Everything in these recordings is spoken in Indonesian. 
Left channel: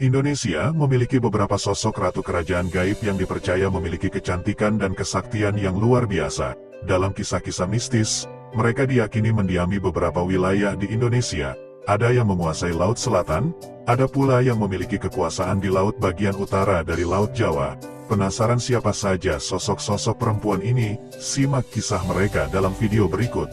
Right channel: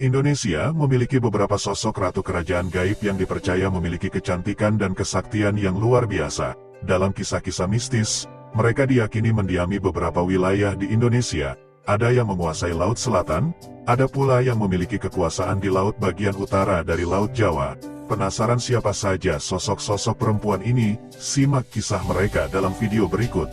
Indonesia memiliki beberapa sosok ratu kerajaan gaib yang dipercaya memiliki kecantikan dan kesaktian yang luar biasa. Dalam kisah-kisah mistis, mereka diyakini mendiami beberapa wilayah di Indonesia. Ada yang menguasai Laut Selatan, ada pula yang memiliki kekuasaan di laut bagian utara dari Laut Jawa. Penasaran siapa saja sosok-sosok perempuan ini? Simak kisah mereka dalam video berikut.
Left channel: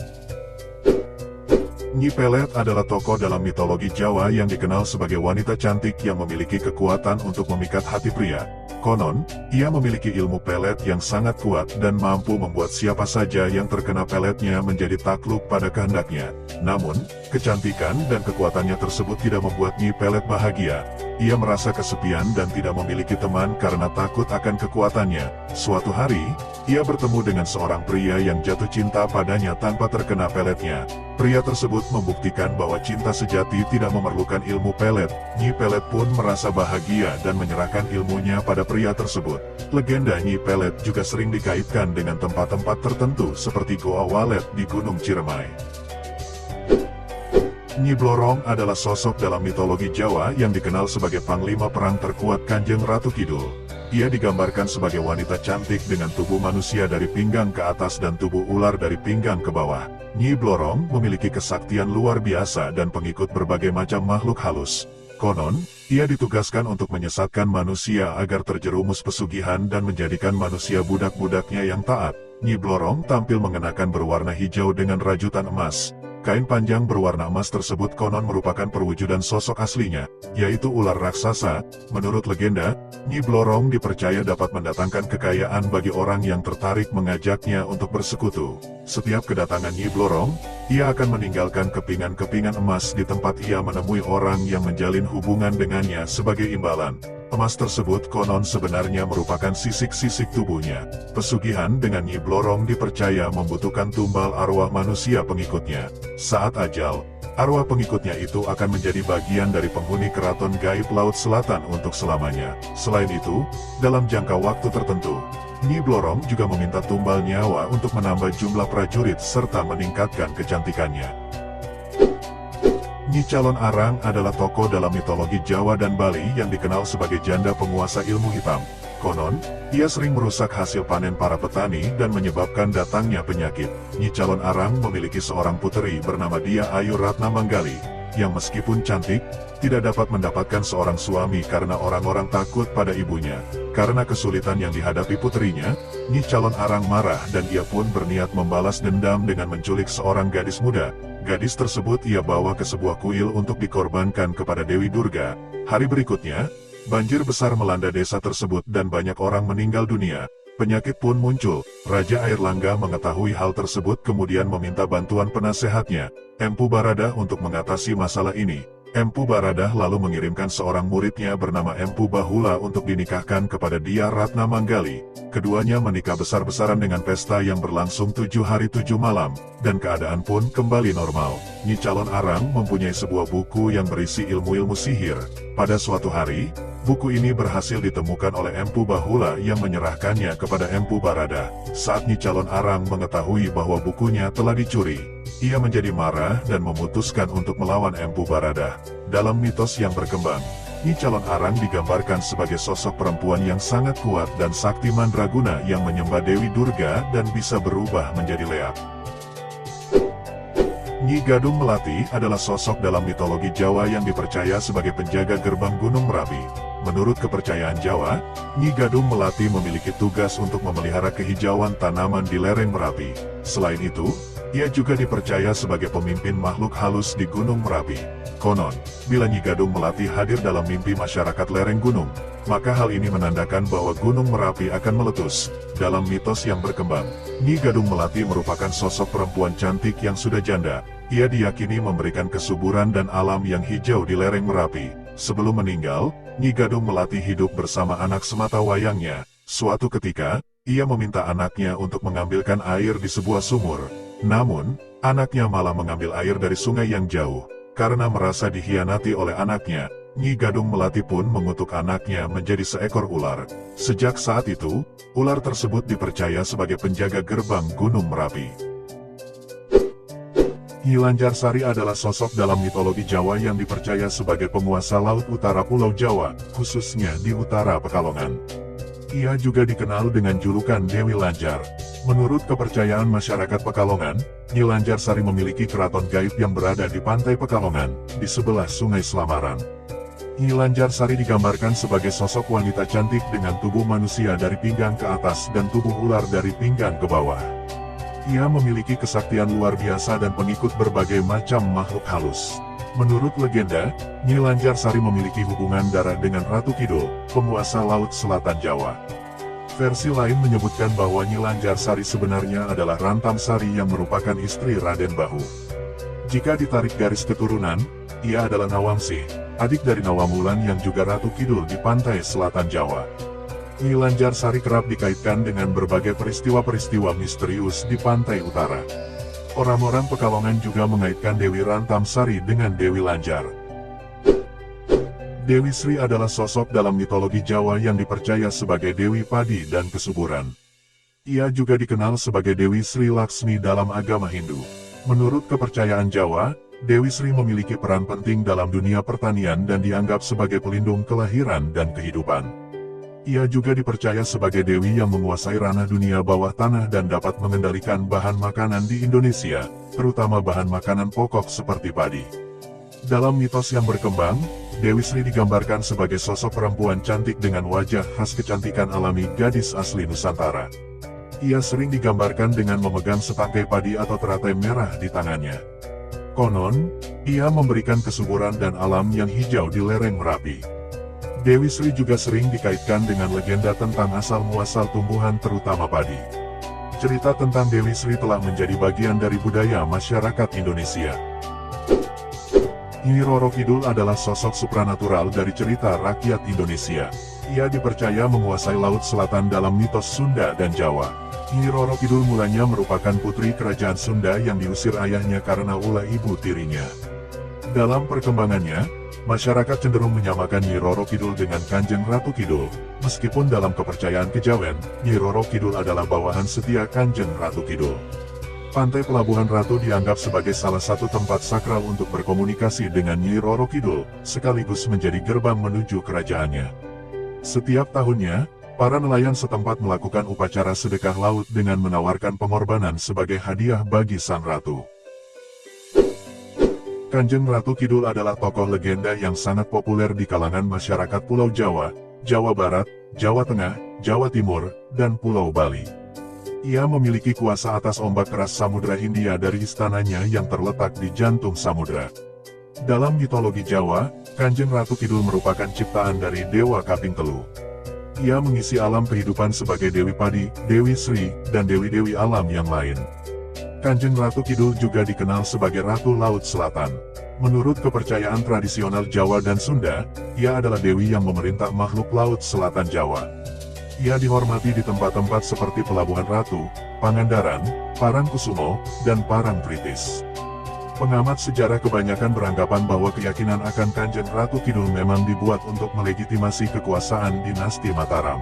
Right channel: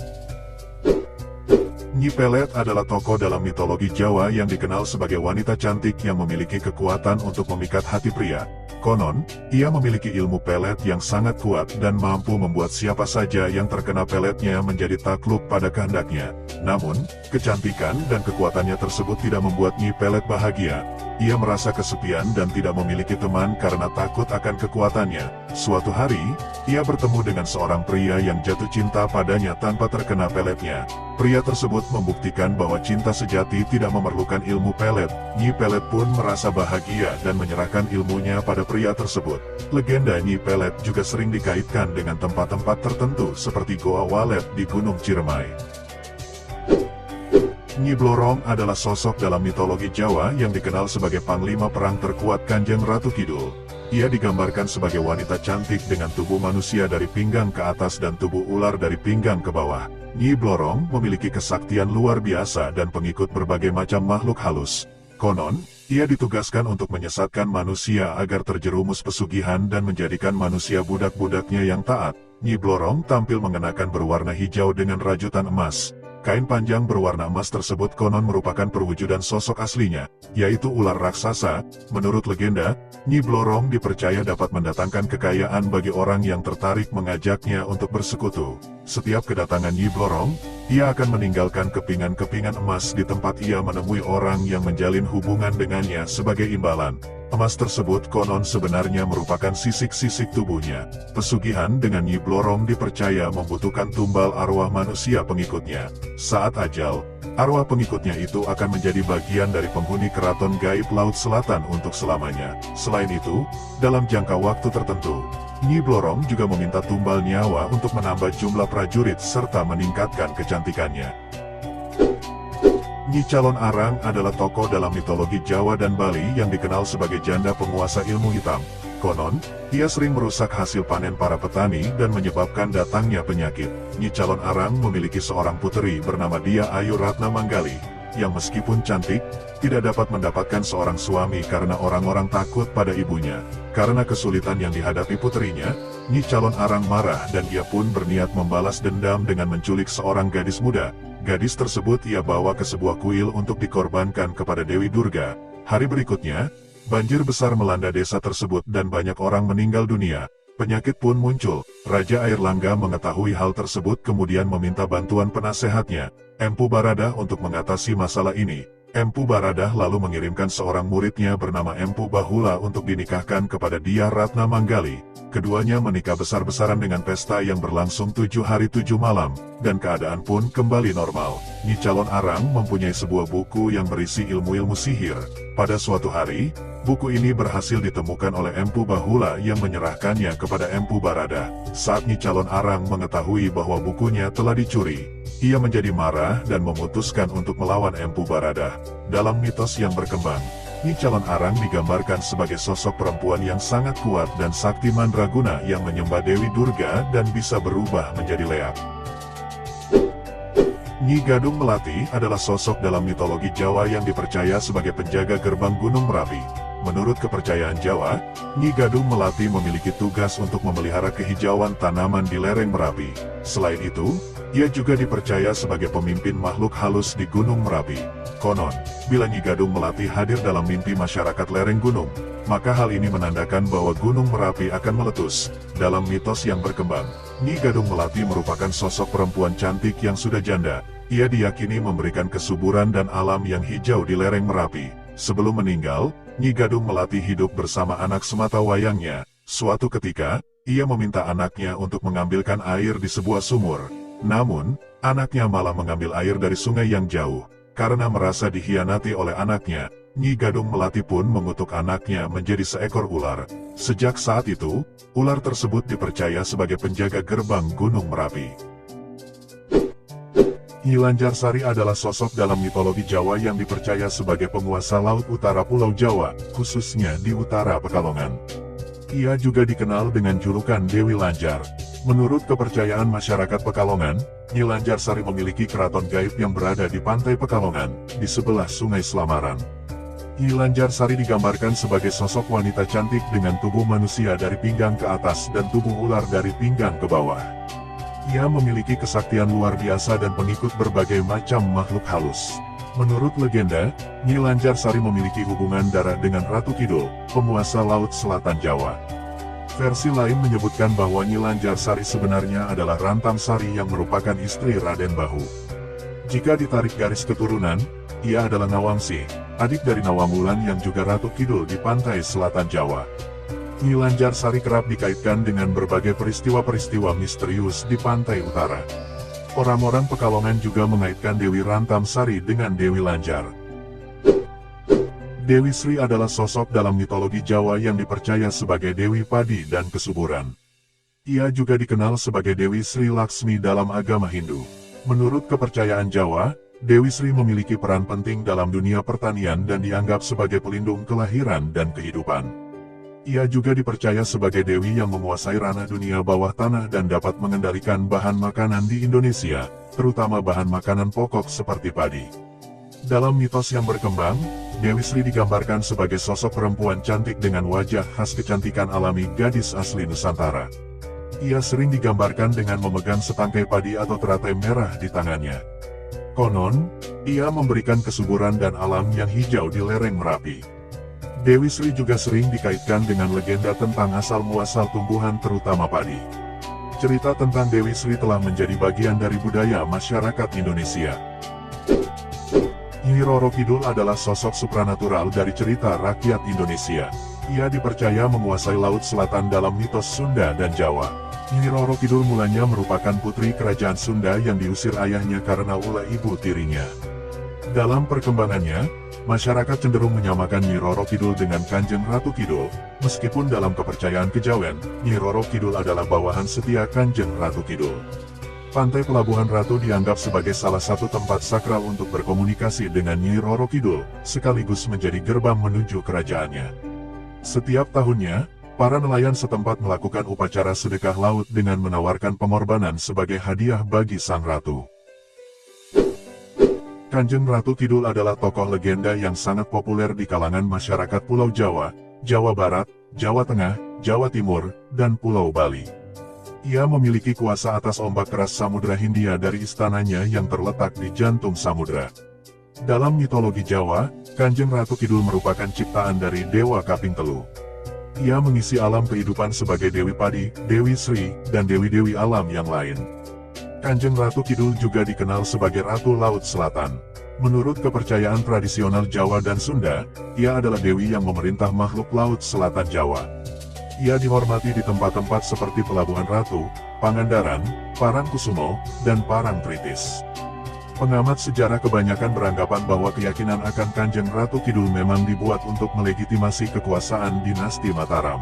Nyi Pelet adalah tokoh dalam mitologi Jawa yang dikenal sebagai wanita cantik yang memiliki kekuatan untuk memikat hati pria. Konon, ia memiliki ilmu pelet yang sangat kuat dan mampu membuat siapa saja yang terkena peletnya menjadi takluk pada kehendaknya. Namun, kecantikan dan kekuatannya tersebut tidak membuat Nyi Pelet bahagia. Ia merasa kesepian dan tidak memiliki teman karena takut akan kekuatannya. Suatu hari, ia bertemu dengan seorang pria yang jatuh cinta padanya tanpa terkena peletnya. Pria tersebut membuktikan bahwa cinta sejati tidak memerlukan ilmu pelet. Nyi Pelet pun merasa bahagia dan menyerahkan ilmunya pada pria tersebut. Legenda Nyi Pelet juga sering dikaitkan dengan tempat-tempat tertentu seperti Goa Walet di Gunung Ciremai. Nyi Blorong adalah sosok dalam mitologi Jawa yang dikenal sebagai panglima perang terkuat Kanjeng Ratu Kidul. Ia digambarkan sebagai wanita cantik dengan tubuh manusia dari pinggang ke atas dan tubuh ular dari pinggang ke bawah. Nyi Blorong memiliki kesaktian luar biasa dan pengikut berbagai macam makhluk halus. Konon, ia ditugaskan untuk menyesatkan manusia agar terjerumus pesugihan dan menjadikan manusia budak-budaknya yang taat. Nyi Blorong tampil mengenakan berwarna hijau dengan rajutan emas. Kain panjang berwarna emas tersebut konon merupakan perwujudan sosok aslinya, yaitu ular raksasa. Menurut legenda, Nyi Blorong dipercaya dapat mendatangkan kekayaan bagi orang yang tertarik mengajaknya untuk bersekutu. Setiap kedatangan Nyi Blorong, ia akan meninggalkan kepingan-kepingan emas di tempat ia menemui orang yang menjalin hubungan dengannya sebagai imbalan. Emas tersebut konon sebenarnya merupakan sisik-sisik tubuhnya. Pesugihan dengan Nyi Blorong dipercaya membutuhkan tumbal arwah manusia pengikutnya. Saat ajal, arwah pengikutnya itu akan menjadi bagian dari penghuni keraton gaib Laut Selatan untuk selamanya. Selain itu, dalam jangka waktu tertentu, Nyi Blorong juga meminta tumbal nyawa untuk menambah jumlah prajurit serta meningkatkan kecantikannya. Nyi Calon Arang adalah tokoh dalam mitologi Jawa dan Bali yang dikenal sebagai janda penguasa ilmu hitam. Konon, ia sering merusak hasil panen para petani dan menyebabkan datangnya penyakit. Nyi Calon Arang memiliki seorang puteri bernama Dia Ayu Ratna Manggali, yang meskipun cantik, tidak dapat mendapatkan seorang suami karena orang-orang takut pada ibunya. Karena kesulitan yang dihadapi puterinya, Nyi Calon Arang marah dan ia pun berniat membalas dendam dengan menculik seorang gadis muda. Gadis tersebut ia bawa ke sebuah kuil untuk dikorbankan kepada Dewi Durga. Hari berikutnya, banjir besar melanda desa tersebut dan banyak orang meninggal dunia. Penyakit pun muncul. Raja Airlangga mengetahui hal tersebut kemudian meminta bantuan penasehatnya, Empu Baradah, untuk mengatasi masalah ini. Empu Baradah lalu mengirimkan seorang muridnya bernama Empu Bahula untuk dinikahkan kepada Dia Ratna Manggali. Keduanya menikah besar-besaran dengan pesta yang berlangsung 7 hari 7 malam, dan keadaan pun kembali normal. Nyi Calon Arang mempunyai sebuah buku yang berisi ilmu-ilmu sihir. Pada suatu hari, buku ini berhasil ditemukan oleh Empu Bahula yang menyerahkannya kepada Empu Baradah. Saat Nyi Calon Arang mengetahui bahwa bukunya telah dicuri, ia menjadi marah dan memutuskan untuk melawan Empu Baradah. Dalam mitos yang berkembang, Nyi Calon Arang digambarkan sebagai sosok perempuan yang sangat kuat dan sakti mandraguna yang menyembah Dewi Durga dan bisa berubah menjadi leak. Nyi Gadung Melati adalah sosok dalam mitologi Jawa yang dipercaya sebagai penjaga gerbang Gunung Merapi. Menurut kepercayaan Jawa, Nyi Gadung Melati memiliki tugas untuk memelihara kehijauan tanaman di lereng Merapi. Selain itu, ia juga dipercaya sebagai pemimpin makhluk halus di Gunung Merapi. Konon, bila Nyi Gadung Melati hadir dalam mimpi masyarakat lereng gunung, maka hal ini menandakan bahwa Gunung Merapi akan meletus. Dalam mitos yang berkembang, Nyi Gadung Melati merupakan sosok perempuan cantik yang sudah janda. Ia diyakini memberikan kesuburan dan alam yang hijau di lereng Merapi. Sebelum meninggal, Nyi Gadung Melati hidup bersama anak sematawayangnya. Suatu ketika, ia meminta anaknya untuk mengambilkan air di sebuah sumur. Namun, anaknya malah mengambil air dari sungai yang jauh. Karena merasa dikhianati oleh anaknya, Nyi Gadung Melati pun mengutuk anaknya menjadi seekor ular. Sejak saat itu, ular tersebut dipercaya sebagai penjaga gerbang Gunung Merapi. Nyi Lanjarsari adalah sosok dalam mitologi Jawa yang dipercaya sebagai penguasa laut utara Pulau Jawa, khususnya di utara Pekalongan. Ia juga dikenal dengan julukan Dewi Lanjar. Menurut kepercayaan masyarakat Pekalongan, Nyi Lanjarsari memiliki keraton gaib yang berada di pantai Pekalongan, di sebelah Sungai Slamaran. Nyi Lanjarsari digambarkan sebagai sosok wanita cantik dengan tubuh manusia dari pinggang ke atas dan tubuh ular dari pinggang ke bawah. Ia memiliki kesaktian luar biasa dan pengikut berbagai macam makhluk halus. Menurut legenda, Nyi Lanjarsari memiliki hubungan darah dengan Ratu Kidul, penguasa Laut Selatan Jawa. Versi lain menyebutkan bahwa Nyi Lanjarsari sebenarnya adalah Rantam Sari yang merupakan istri Raden Bahu. Jika ditarik garis keturunan, ia adalah Nawangsi, adik dari Nawangwulan yang juga Ratu Kidul di pantai selatan Jawa. Nyi Lanjarsari kerap dikaitkan dengan berbagai peristiwa-peristiwa misterius di pantai utara. Orang-orang Pekalongan juga mengaitkan Dewi Rantam Sari dengan Dewi Lanjar. Dewi Sri adalah sosok dalam mitologi Jawa yang dipercaya sebagai Dewi Padi dan Kesuburan. Ia juga dikenal sebagai Dewi Sri Laksmi dalam agama Hindu. Menurut kepercayaan Jawa, Dewi Sri memiliki peran penting dalam dunia pertanian dan dianggap sebagai pelindung kelahiran dan kehidupan. Ia juga dipercaya sebagai dewi yang menguasai ranah dunia bawah tanah dan dapat mengendalikan bahan makanan di Indonesia, terutama bahan makanan pokok seperti padi. Dalam mitos yang berkembang, Dewi Sri digambarkan sebagai sosok perempuan cantik dengan wajah khas kecantikan alami gadis asli Nusantara. Ia sering digambarkan dengan memegang setangkai padi atau teratai merah di tangannya. Konon, ia memberikan kesuburan dan alam yang hijau di lereng Merapi. Dewi Sri juga sering dikaitkan dengan legenda tentang asal-muasal tumbuhan terutama padi. Cerita tentang Dewi Sri telah menjadi bagian dari budaya masyarakat Indonesia. Nyi Roro Kidul adalah sosok supranatural dari cerita rakyat Indonesia. Ia dipercaya menguasai Laut Selatan dalam mitos Sunda dan Jawa. Nyi Roro Kidul mulanya merupakan putri kerajaan Sunda yang diusir ayahnya karena ulah ibu tirinya. Dalam perkembangannya, masyarakat cenderung menyamakan Nyi Roro Kidul dengan Kanjeng Ratu Kidul. Meskipun dalam kepercayaan kejawen, Nyi Roro Kidul adalah bawahan setia Kanjeng Ratu Kidul. Pantai Pelabuhan Ratu dianggap sebagai salah satu tempat sakral untuk berkomunikasi dengan Nyi Roro Kidul, sekaligus menjadi gerbang menuju kerajaannya. Setiap tahunnya, para nelayan setempat melakukan upacara sedekah laut dengan menawarkan pengorbanan sebagai hadiah bagi sang ratu. Kanjeng Ratu Kidul adalah tokoh legenda yang sangat populer di kalangan masyarakat Pulau Jawa, Jawa Barat, Jawa Tengah, Jawa Timur, dan Pulau Bali. Ia memiliki kuasa atas ombak keras Samudra Hindia dari istananya yang terletak di jantung samudra. Dalam mitologi Jawa, Kanjeng Ratu Kidul merupakan ciptaan dari Dewa Kaping Telu. Ia mengisi alam kehidupan sebagai Dewi Padi, Dewi Sri, dan dewi-dewi alam yang lain. Kanjeng Ratu Kidul juga dikenal sebagai Ratu Laut Selatan. Menurut kepercayaan tradisional Jawa dan Sunda, ia adalah dewi yang memerintah makhluk Laut Selatan Jawa. Ia dihormati di tempat-tempat seperti Pelabuhan Ratu, Pangandaran, Parangkusumo, dan Parangtritis. Pengamat sejarah kebanyakan beranggapan bahwa keyakinan akan Kanjeng Ratu Kidul memang dibuat untuk melegitimasi kekuasaan dinasti Mataram.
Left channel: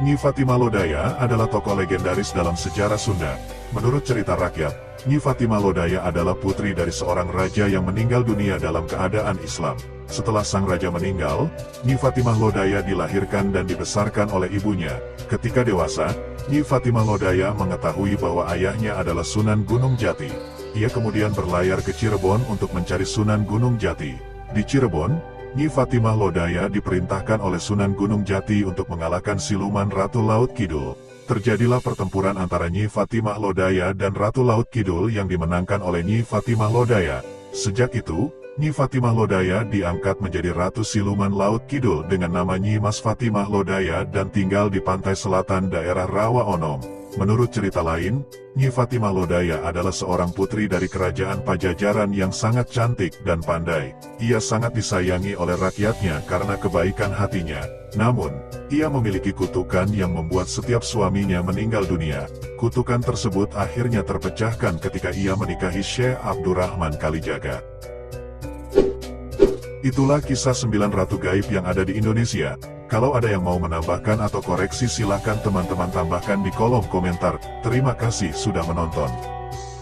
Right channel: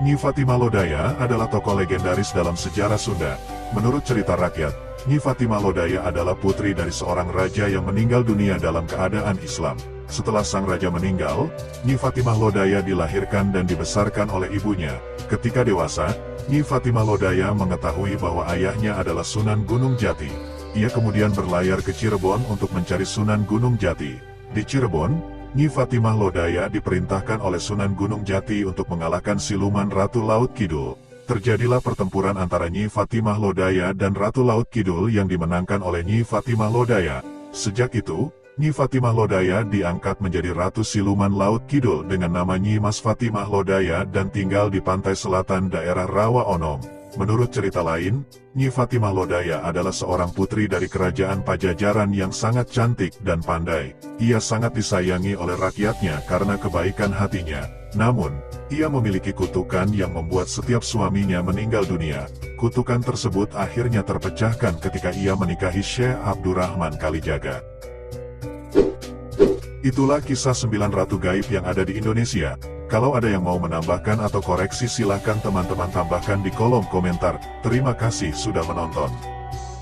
Nyi Fatimah Lodaya adalah tokoh legendaris dalam sejarah Sunda. Menurut cerita rakyat, Nyi Fatimah Lodaya adalah putri dari seorang raja yang meninggal dunia dalam keadaan Islam. Setelah sang raja meninggal, Nyi Fatimah Lodaya dilahirkan dan dibesarkan oleh ibunya. Ketika dewasa, Nyi Fatimah Lodaya mengetahui bahwa ayahnya adalah Sunan Gunung Jati. Ia kemudian berlayar ke Cirebon untuk mencari Sunan Gunung Jati. Di Cirebon, Nyi Fatimah Lodaya diperintahkan oleh Sunan Gunung Jati untuk mengalahkan siluman Ratu Laut Kidul. Terjadilah pertempuran antara Nyi Fatimah Lodaya dan Ratu Laut Kidul yang dimenangkan oleh Nyi Fatimah Lodaya. Sejak itu, Nyi Fatimah Lodaya diangkat menjadi Ratu Siluman Laut Kidul dengan nama Nyi Mas Fatimah Lodaya dan tinggal di pantai selatan daerah Rawa Onom. Menurut cerita lain, Nyi Fatimah Lodaya adalah seorang putri dari kerajaan Pajajaran yang sangat cantik dan pandai. Ia sangat disayangi oleh rakyatnya karena kebaikan hatinya. Namun, ia memiliki kutukan yang membuat setiap suaminya meninggal dunia. Kutukan tersebut akhirnya terpecahkan ketika ia menikahi Syekh Abdurrahman Kalijaga. Itulah kisah 9 ratu gaib yang ada di Indonesia. Kalau ada yang mau menambahkan atau koreksi silahkan teman-teman tambahkan di kolom komentar. Terima kasih sudah menonton.